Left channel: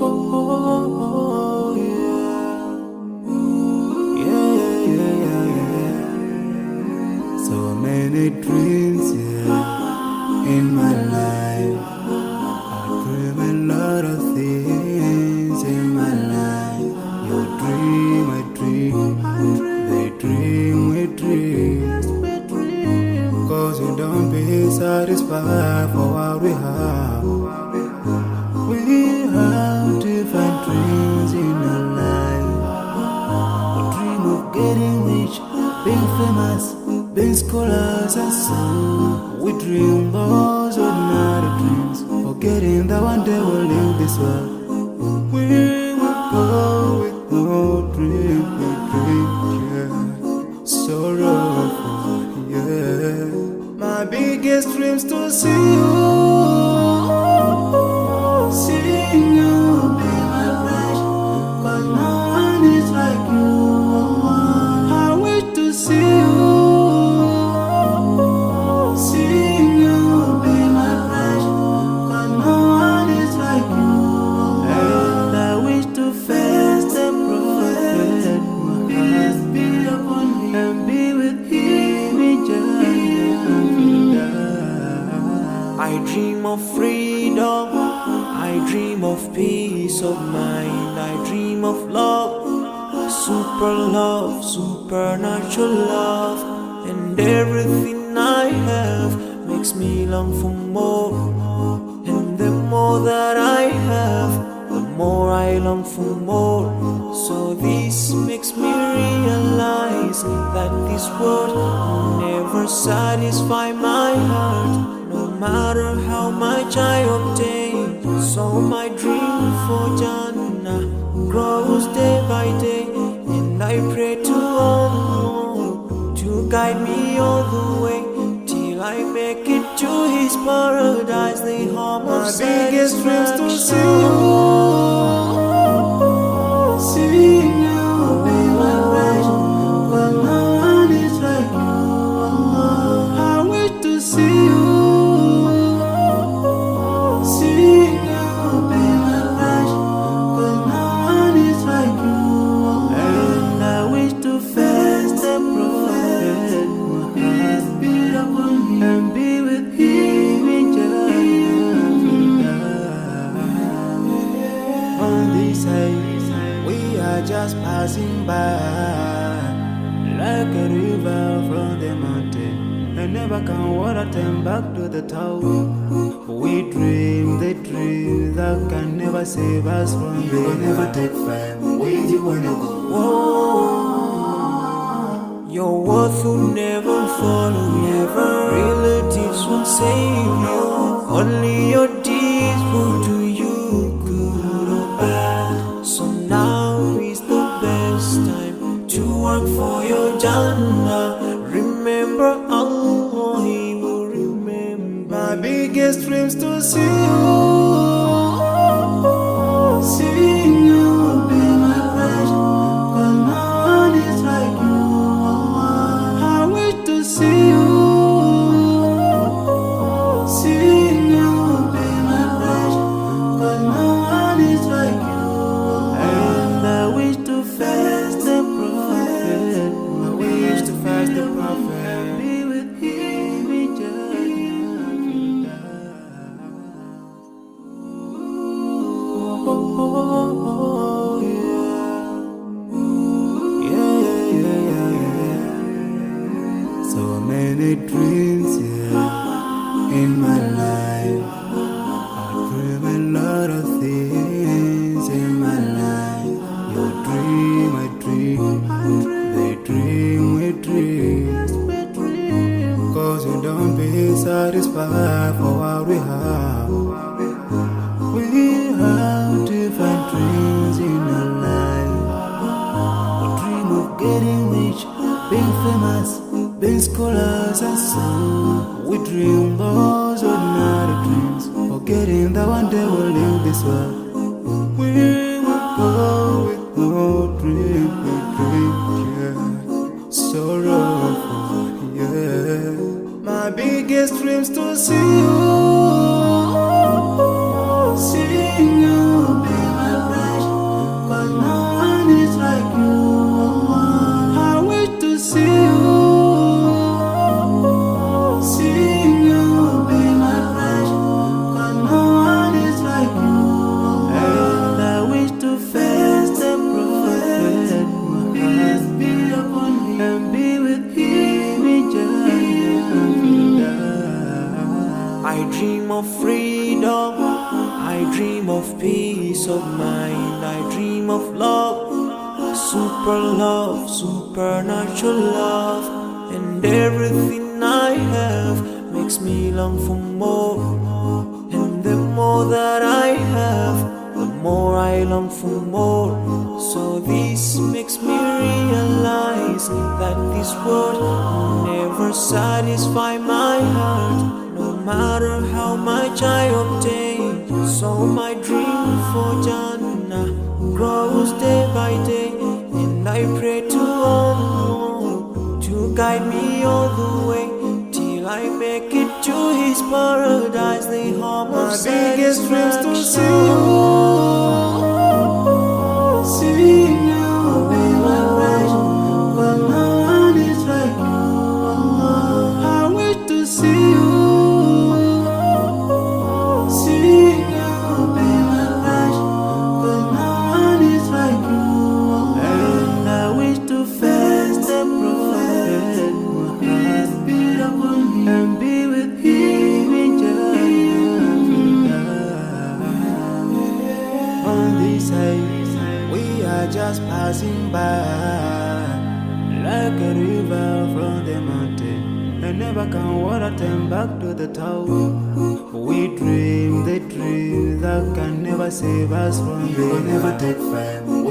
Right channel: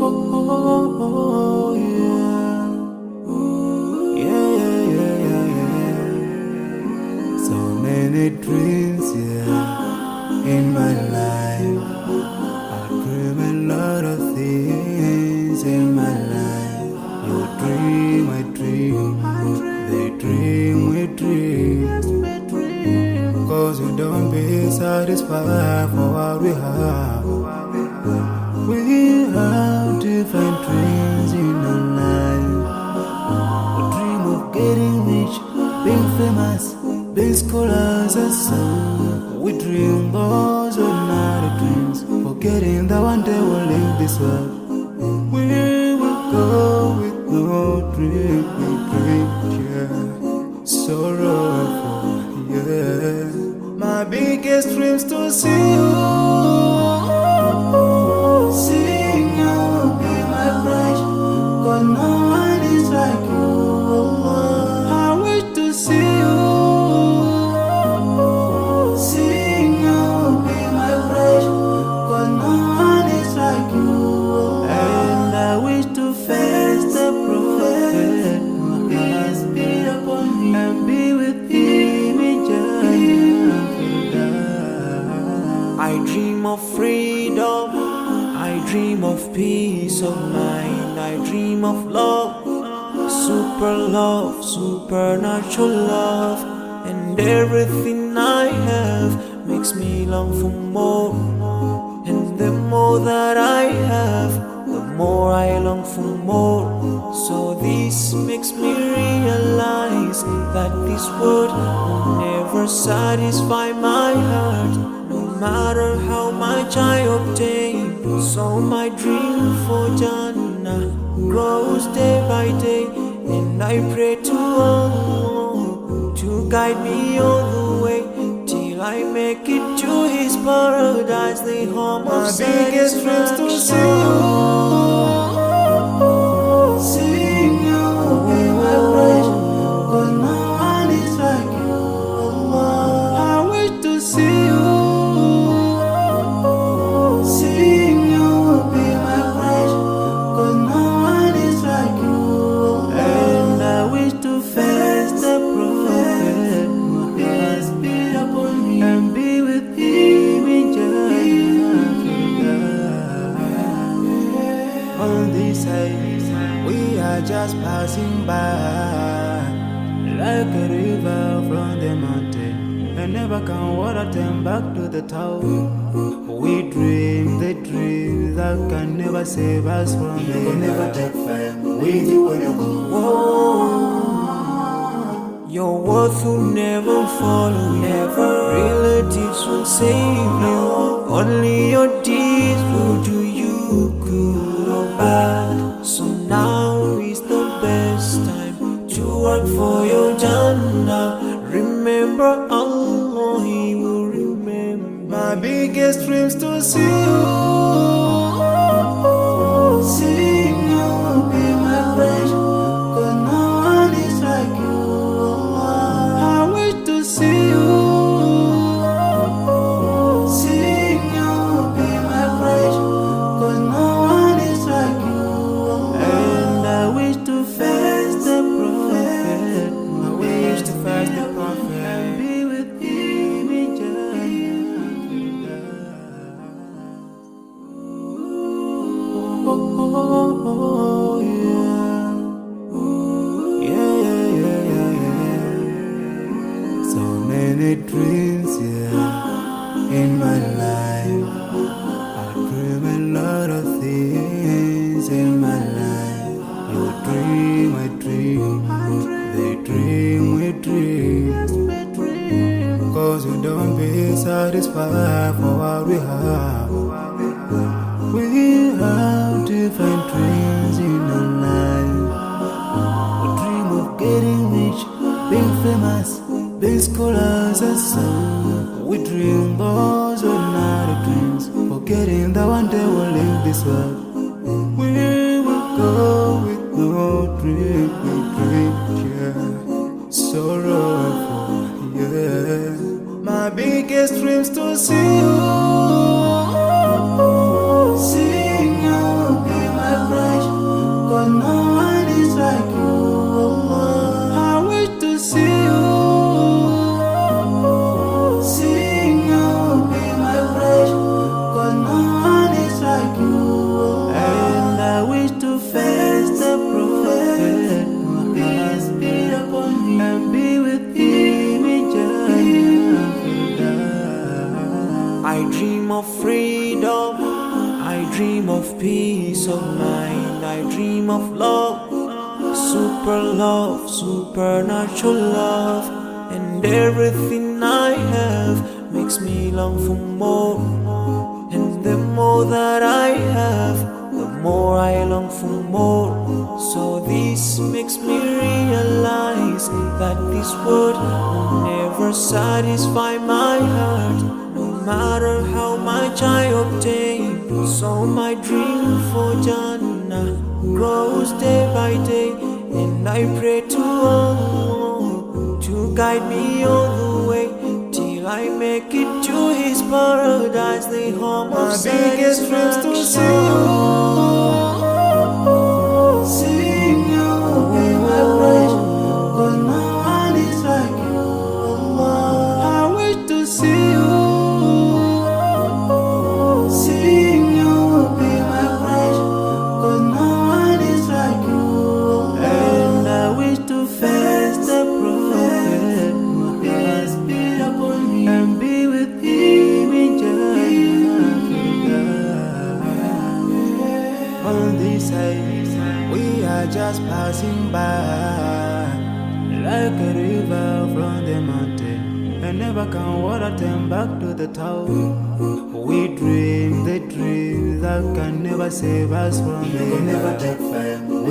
Oh, yeah. Yeah, yeah, yeah, yeah. So many dreams, yeah, in my life. I dream a lot of things in my life. You dream, I dream. They dream, we dream. Cause we don't be satisfied for what we have. We have different dreams in our life. We dream of getting rich, being famous, being scholars and so. We dream those ordinary dreams, forgetting that one day we'll leave this world. We will go with no dream, we dream, yeah. Sorrowful, yeah. My biggest dreams to see you. Seeing you will be my wish, cause no one is like you. I wish to see you. Seeing you will be my wish, cause no one is like you. And I wish to face the prophet Muhammad and be with him in Jannah. I dream of freedom, I dream of peace of mind, I dream of love, supernatural love, and everything I have makes me long for more. And the more that I have, the more I long for more. So this makes me realize that this world will never satisfy my heart, no matter how much I obtain. So my dream for Jannah grows day by day, and I pray to Allah to guide me all the way till I make it to His paradise, the home of satisfaction. My biggest dreams to see you. Seeing you will be my wish, cause no one is like you. I wish to see you. Seeing you will be my wish, cause no one is like you. And I wish to face the prophet Muhammad and be with him in Jannah. On this side, we are just passing by, like a river from the mountain, and never can water turn back to the town. We dream the dreams that can never save us from the We'll never take fire with you when you go. Whoa. Your worth will never follow you, relatives won't save you, only your deeds will do you good or bad. So now is the best time to work for your Jannah. Remember Allah, He will remember. My biggest dreams to see you. Seeing you will be my wish, cause no one is like you. I wish to see you. Seeing you will be my wish, cause no one is like you. And I wish to face the prophet. I wish to face the prophet and be with him in Jannah. Oh, yeah. Yeah, yeah, yeah, yeah, yeah. So many dreams, yeah, in my life. I dream a lot of things in my life. You dream, I dream. They dream, we dream. Cause we don't be satisfied for what we have. We have different dreams in our life. We dream of getting rich, being famous, being scholars and so. We dream those ordinary dreams, forgetting that one day we'll leave this world. We will go with no dream, we dream, yeah. Sorrowful, yeah. My biggest dreams to see you. Seeing you will be my I dream of freedom, I dream of peace of mind, I dream of love, supernatural love, and everything I have makes me long for more. And the more that I have, the more I long for more. So this makes me realize that this world will never satisfy my heart, no matter how much I obtain. So my dream for Jannah grows day by day, and I pray to Allah to guide me all the way till I make it to His paradise, the home of satisfaction. My biggest dreams to see you, be my pleasure, but no one is like you, Allah. I wish to see you, be my pleasure, but no one is like you, Allah. And I wish to face the Prophet Muhammad and be with him in Jannah. On this side, we are just passing by, like a river from the mountain, and never can water turn back to the town. We dream the dreams that can never save us from the never take fame.